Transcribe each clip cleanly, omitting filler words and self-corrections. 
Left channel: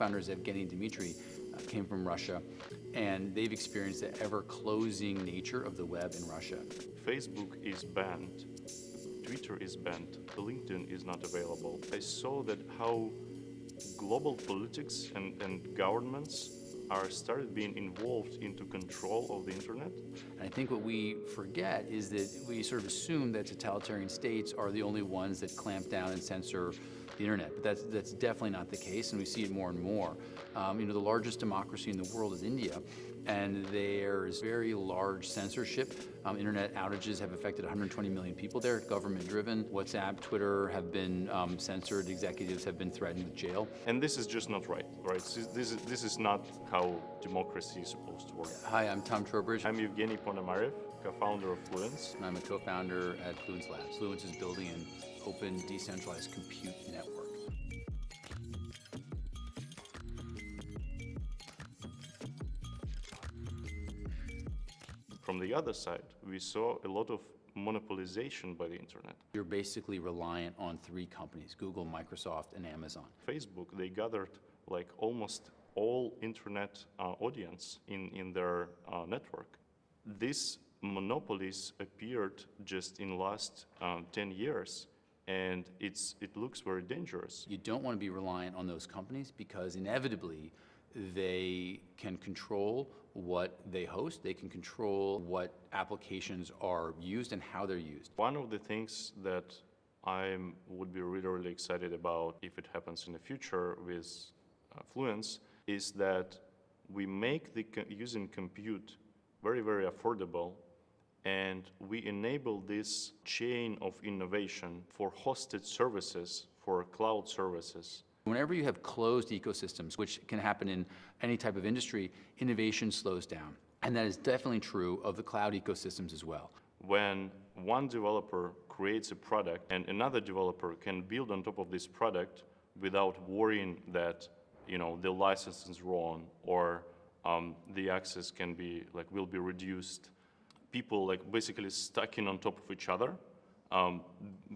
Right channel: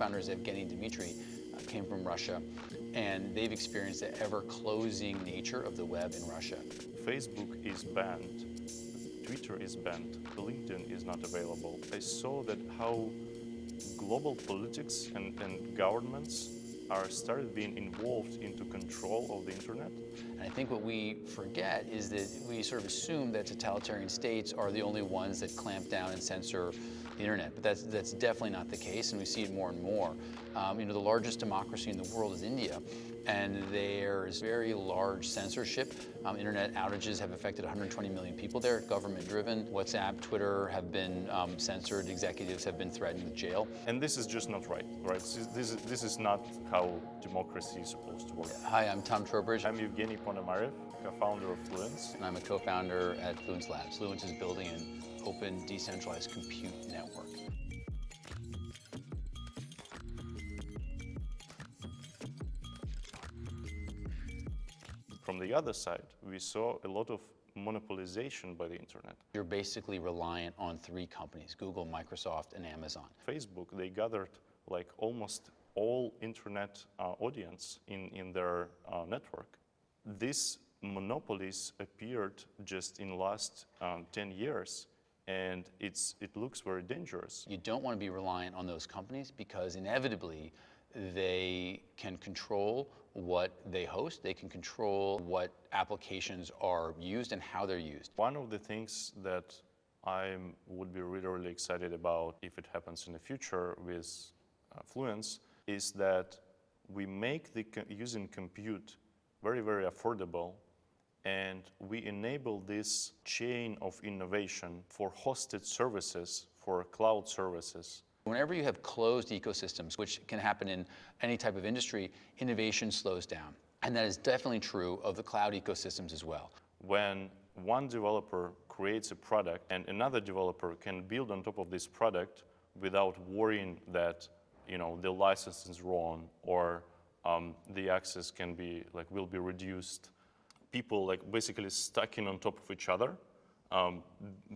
co-founders, Evgeny and Dmitry, came from Russia, and they've experienced the ever-closing nature of the web in Russia. Facebook is banned, Twitter is banned, LinkedIn is not available. I saw that how global politics and governments are started being involved into control of the internet. And I think what we forget is that we sort of assume that totalitarian states are the only ones that clamp down and censor the internet, but that's definitely not the case, and we see it more and more. The largest democracy in the world is India, and there's very large censorship. Internet outages have affected 120 million people there, government-driven. WhatsApp, Twitter have been censored. Executives have been threatened with jail. And this is just not right? This is not how democracy is supposed to work. Hi, I'm Tom Trowbridge. I'm Evgeny Ponomarev, co-founder of Fluence. And I'm a co-founder at Fluence Labs. Fluence is building an open, decentralized compute network. From the other side, we saw a lot of monopolization by the internet. You're basically reliant on three companies, Google, Microsoft, and Amazon. Facebook, they gathered like almost all internet audience in their network. These monopolies appeared just in the last 10 years, and it looks very dangerous. You don't want to be reliant on those companies because inevitably they can control what they host, they can control what applications are used and how they're used. One of the things that I would be really excited about if it happens in the future with Fluence is that we make the using compute very, very affordable, and we enable this chain of innovation for hosted services, for cloud services. Whenever you have closed ecosystems, which can happen in any type of industry, innovation slows down. And that is definitely true of the cloud ecosystems as well. When one developer creates a product and another developer can build on top of this product without worrying that the license is wrong or the access will be reduced, people basically stacking on top of each other,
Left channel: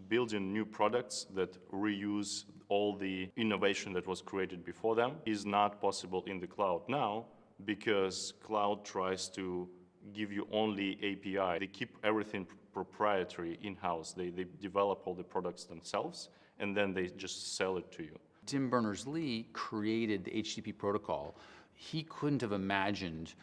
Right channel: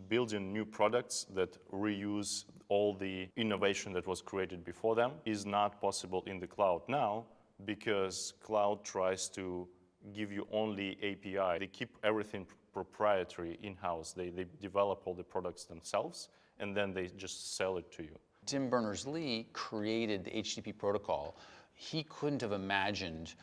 building new products that reuse all the innovation that was created before them is not possible in the cloud now, because cloud tries to give you only API. They keep everything proprietary in-house. They develop all the products themselves, and then they just sell it to you. Tim Berners-Lee created the HTTP protocol. He couldn't have imagined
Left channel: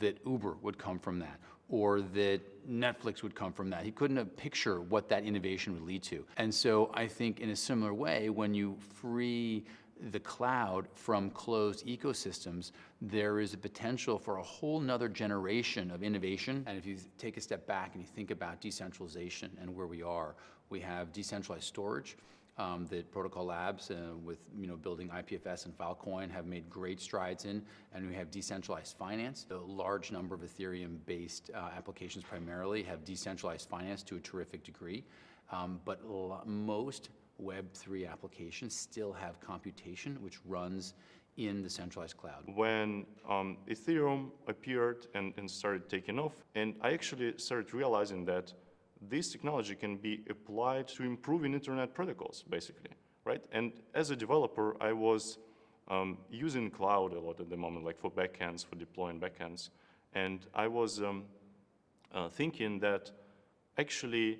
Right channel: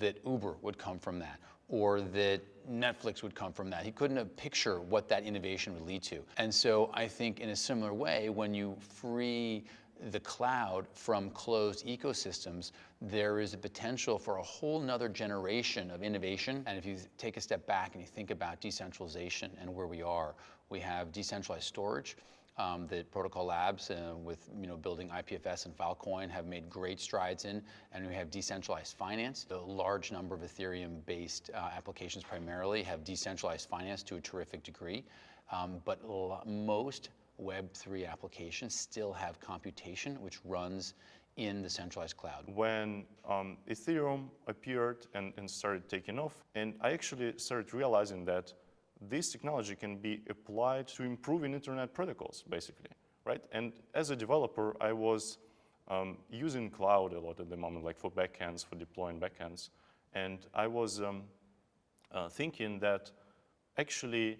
that Uber would come from that, or that Netflix would come from that. He couldn't have pictured what that innovation would lead to. And so I think in a similar way, when you free the cloud from closed ecosystems, there is a potential for a whole nother generation of innovation. And if you take a step back and you think about decentralization and where we are, we have decentralized storage. That Protocol Labs, with building IPFS and Filecoin, have made great strides in, and we have decentralized finance. A large number of Ethereum-based applications primarily have decentralized finance to a terrific degree, but most Web3 applications still have computation, which runs in the centralized cloud. When Ethereum appeared and started taking off, and I actually started realizing that this technology can be applied to improving internet protocols, basically, right? And as a developer, I was using cloud a lot at the moment, like for backends, for deploying backends. And I was thinking that actually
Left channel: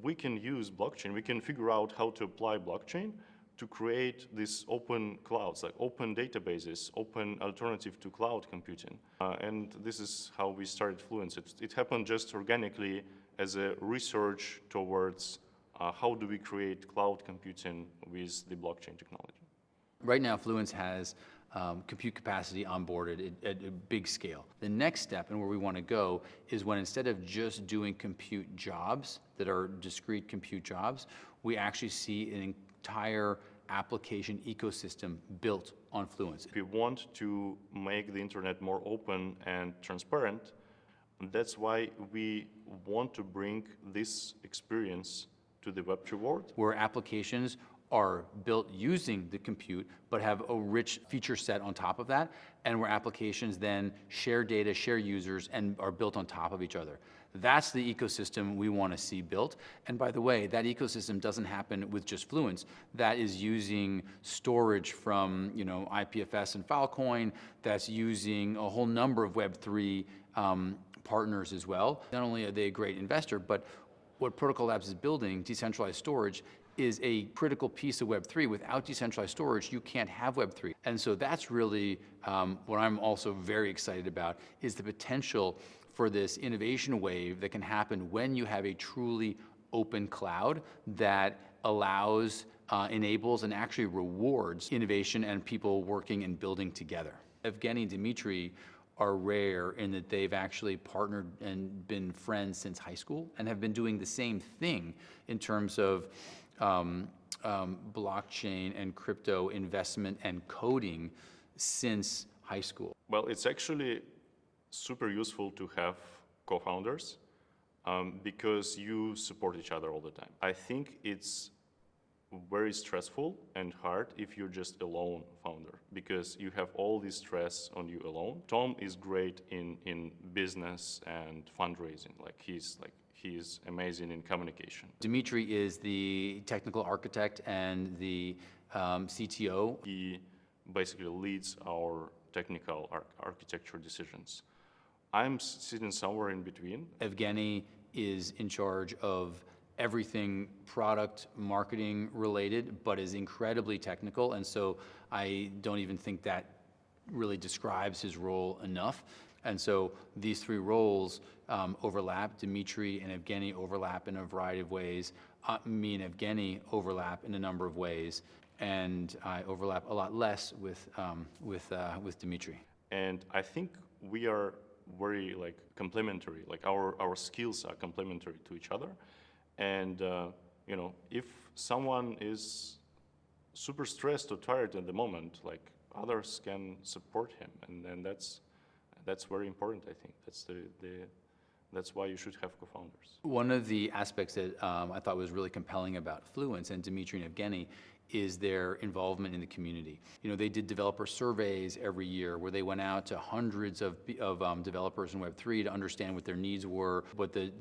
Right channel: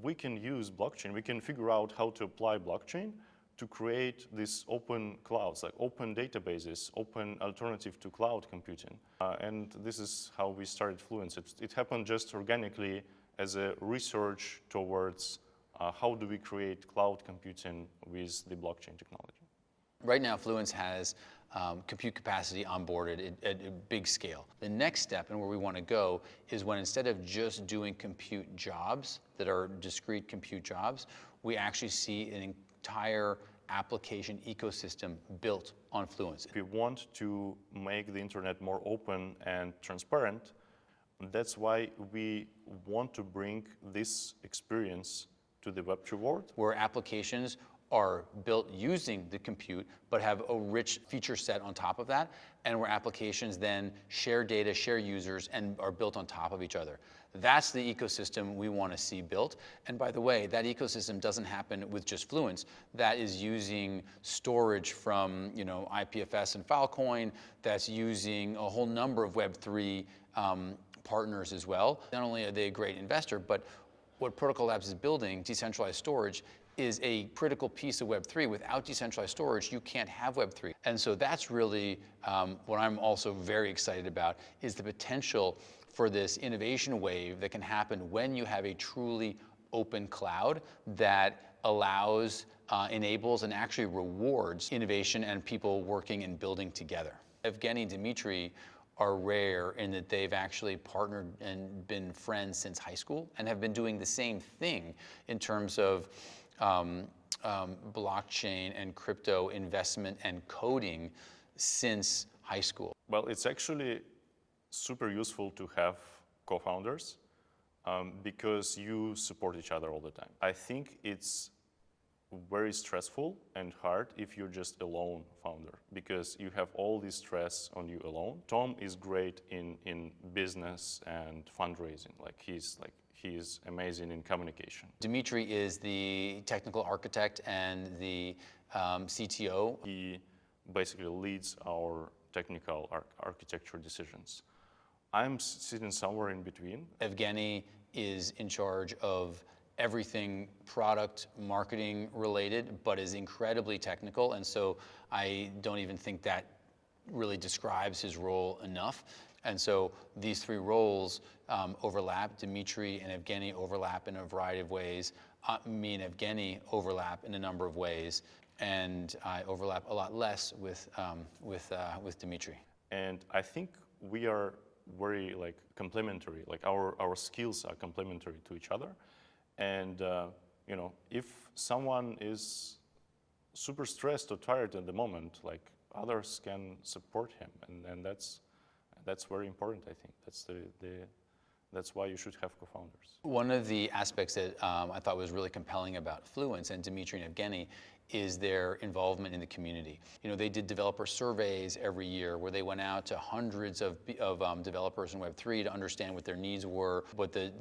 we can use blockchain. We can figure out how to apply blockchain to create these open clouds, like open databases, open alternative to cloud computing. And this is how we started Fluence. It happened just organically as a research towards how do we create cloud computing with the blockchain technology. Right now, Fluence has compute capacity onboarded at a big scale. The next step, and where we want to go, is when instead of just doing compute jobs that are discrete compute jobs, we actually see an entire application ecosystem built on Fluence. If we want to make the internet more open and transparent, that's why we want to bring this experience to the Web3 world. Where applications are built using the compute, but have a rich feature set on top of that, and where applications then share data, share users, and are built on top of each other. That's the ecosystem we want to see built. And by the way, that ecosystem doesn't happen with just Fluence. That is using storage from IPFS and Filecoin. That's using a whole number of Web3 partners as well. Not only are they a great investor, but what Protocol Labs is building, decentralized storage, is a critical piece of Web3. Without decentralized storage, you can't have Web3. And so that's really what I'm also very excited about, is the potential for this innovation wave that can happen when you have a truly open cloud that allows, enables, and actually rewards innovation and people working and building together. Evgeny and Dmitry are rare in that they've actually partnered and been friends since high school and have been doing the same thing in terms of blockchain and crypto investment and coding since high school. Well, it's actually super useful to have co-founders because you support each other all the time. I think it's very stressful and hard if you're just a lone founder because you have all this stress on you alone. Tom is great in business and fundraising. He's amazing in communication. Dmitry is the technical architect and the CTO. He basically leads our technical architecture decisions. I'm sitting somewhere in between. Evgeny is in charge of everything product marketing related, but is incredibly technical. And so I don't even think that really describes his role enough. And so these three roles overlap. Dmitry and Evgeny overlap in a variety of ways. Me and Evgeny overlap in a number of ways. And I overlap a lot less with Dmitry. And I think we are very complementary. Our skills are complementary to each other. And if someone is super stressed or tired at the moment, others can support him, and that's very important. I think that's why you should have co-founders. One of the aspects that I thought was really compelling about Fluence and Dmitry and Evgeny is their involvement in the community. They did developer surveys every year where they went out to hundreds of developers in Web3 to understand what their needs were, what the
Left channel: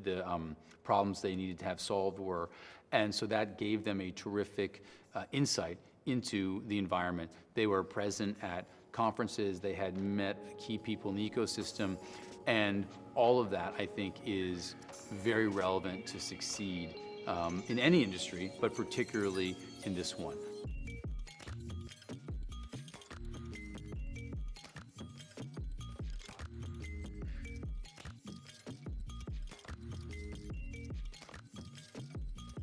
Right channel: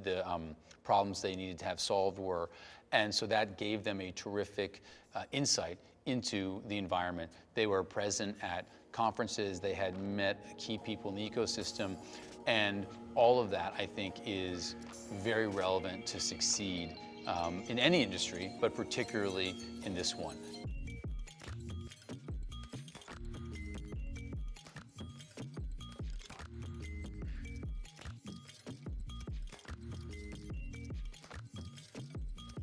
problems they needed to have solved were. And so that gave them a terrific insight into the environment. They were present at conferences, they had met key people in the ecosystem, and all of that, I think, is very relevant to succeed in any industry, but particularly in this one.